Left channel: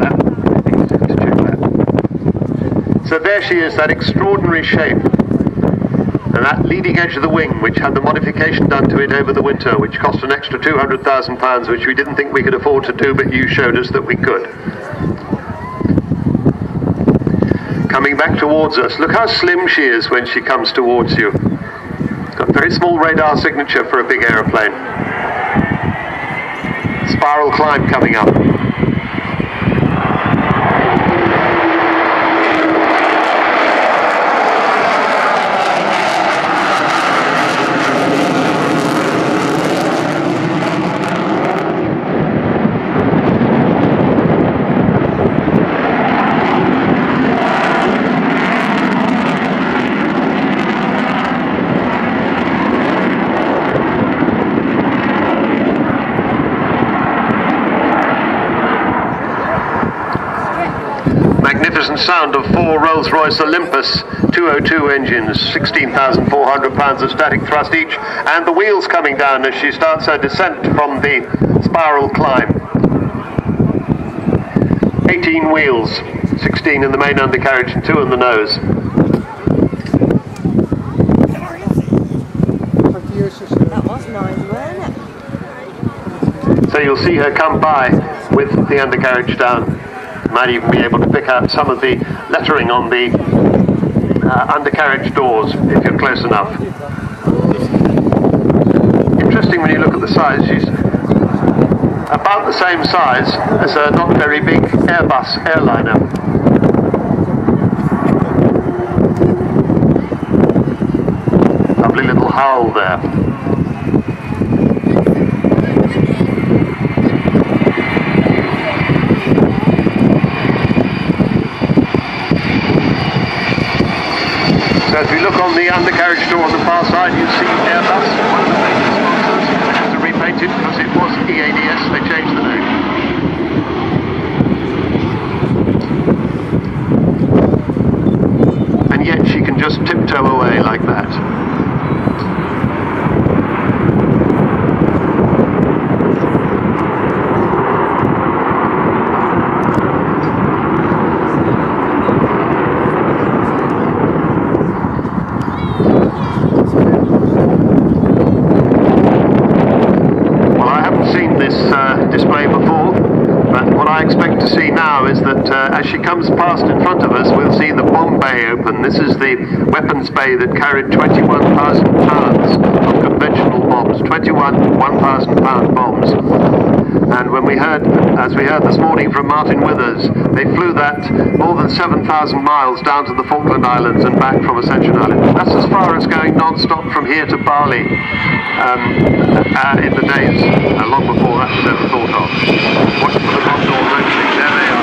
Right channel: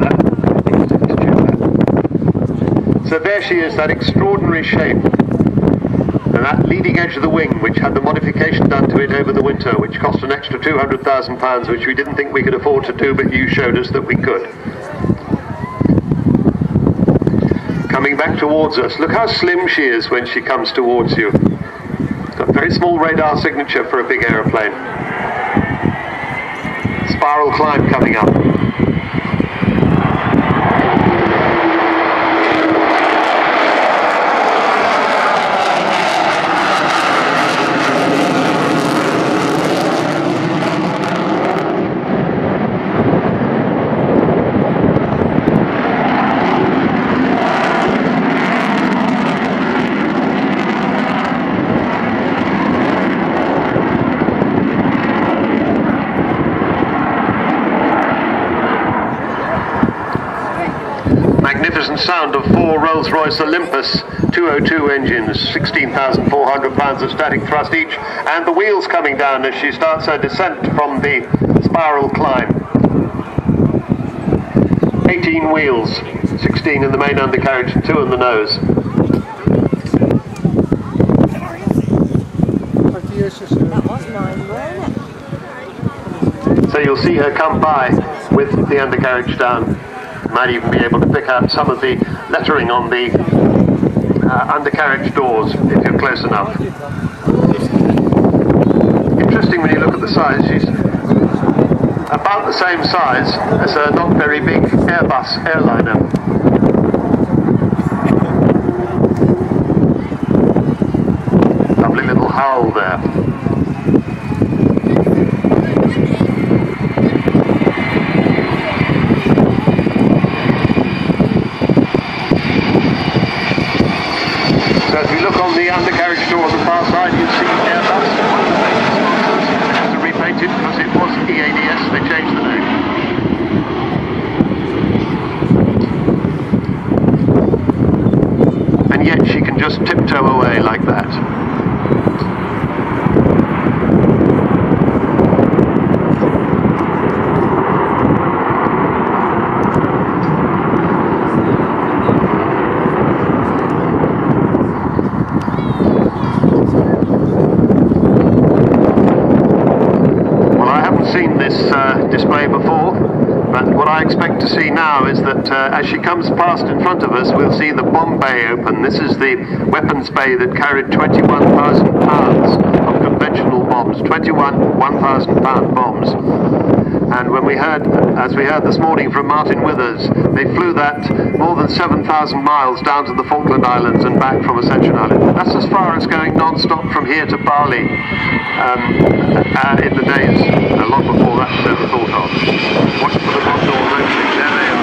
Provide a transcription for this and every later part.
So there she is, that extraordinary shape. And that leading edge of the wing, which had the modification done to it over the winter, which cost an extra £200,000, which we didn't think we could afford to do, but you showed us that we could. Coming back towards us. Look how slim she is when she comes towards you. Got a very small radar signature for a big aeroplane. Spiral climb coming up. Magnificent sound of 4 Rolls-Royce Olympus 202 engines, 16,400 pounds of static thrust each, and the wheels coming down as she starts her descent from the spiral climb. 18 wheels, 16 in the main undercarriage and 2 in the nose. That was mine, wasn't it? So you'll see her come by with the undercarriage down. Might even be able to pick out some of the lettering on the undercarriage doors if you're close enough. Interesting when you look at the size. She's about the same size as a not very big Airbus airliner. Lovely little Howl there. So if you look on the undercarriage door on the far side, you see Airbus. One of the major sponsors had to repaint it because it was EADS, they changed the name. And yet she can just tiptoe away like that. Seen this display before, but what I expect to see now is that as she comes past in front of us, we'll see the bomb bay open. This is the weapons bay that carried 21,000 pounds of conventional bombs, 21 1,000-pound bombs. And when we heard, as we heard this morning from Martin Withers, they flew that more than 7,000 miles down to the Falkland Islands and back from Ascension Island. That's as far as going non-stop from here to Bali in the days long before that was ever thought of. Watch for the bomb doors opening. There they are.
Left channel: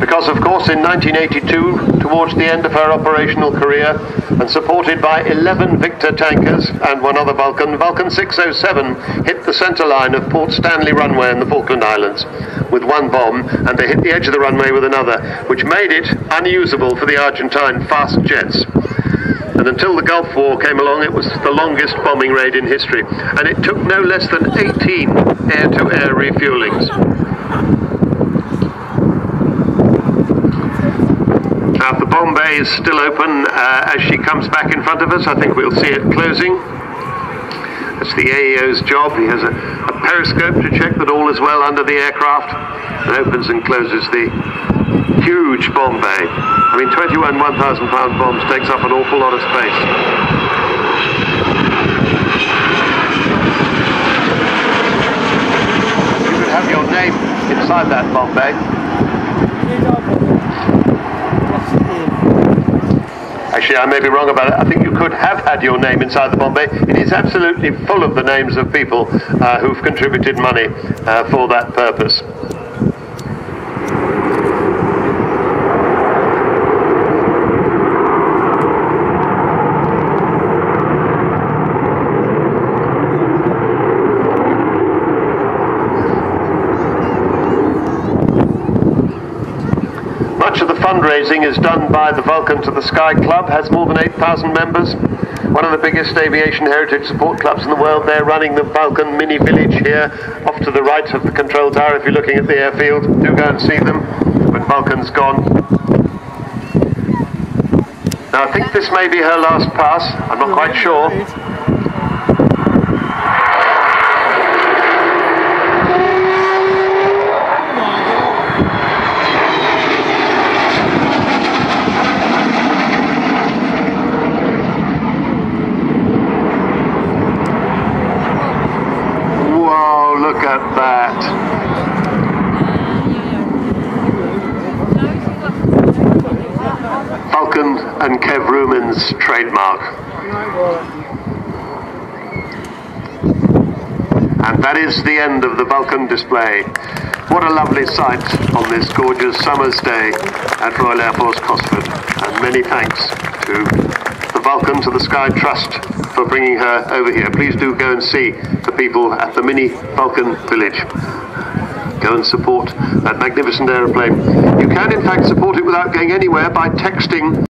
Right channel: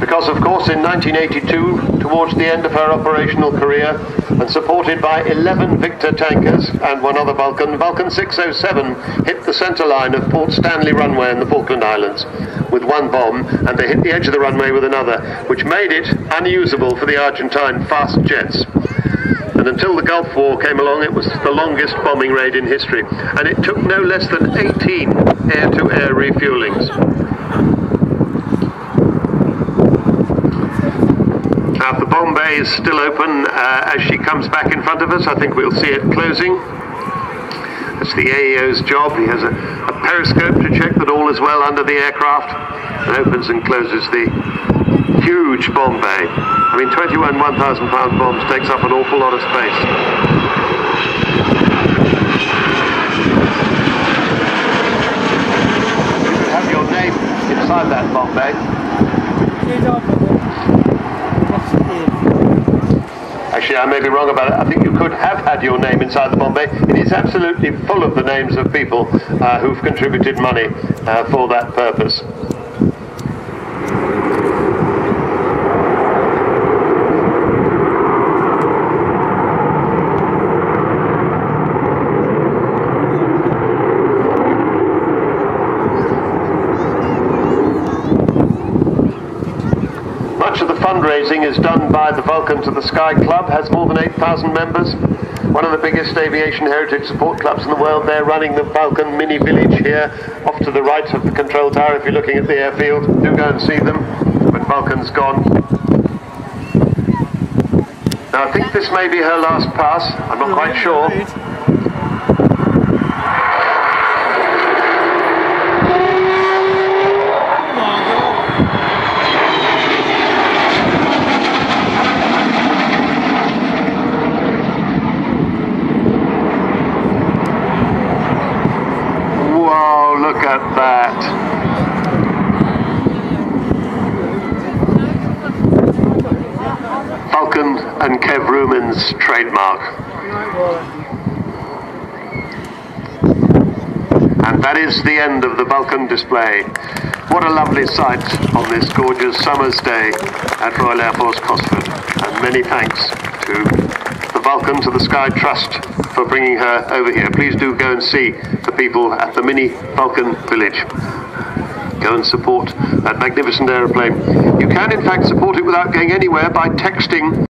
Because, of course, in 1982, towards the end of her operational career, and supported by 11 Victor tankers and one other Vulcan, Vulcan 607 hit the centre line of Port Stanley runway in the Falkland Islands with one bomb, and they hit the edge of the runway with another, which made it unusable for the Argentine fast jets. And until the Gulf War came along, it was the longest bombing raid in history, and it took no less than 18 air-to-air refuelings. Now, if the bomb bay is still open as she comes back in front of us, I think we'll see it closing. That's the AEO's job. He has a periscope to check that all is well under the aircraft, and opens and closes the huge bomb bay. I mean, 21 1,000-pound bombs takes up an awful lot of space. You could have your name inside that bomb bay. Actually, I may be wrong about it. I think you could have had your name inside the bomb bay. It is absolutely full of the names of people who've contributed money for that purpose. fundraising is done by the Vulcan to the Sky Club, has more than 8,000 members. One of the biggest aviation heritage support clubs in the world. They're running the Vulcan mini village here, off to the right of the control tower if you're looking at the airfield. Do go and see them when Vulcan's gone. Now I think this may be her last pass, I'm not quite sure. Whoa, look at that. Vulcan and Kev Ruman's trademark. And that is the end of the Vulcan display. What a lovely sight on this gorgeous summer's day at Royal Air Force Cosford. And many thanks to the Vulcan, to the Sky Trust for bringing her over here. Please do go and see the people at the mini Vulcan village. Go and support that magnificent aeroplane. You can in fact support it without going anywhere by texting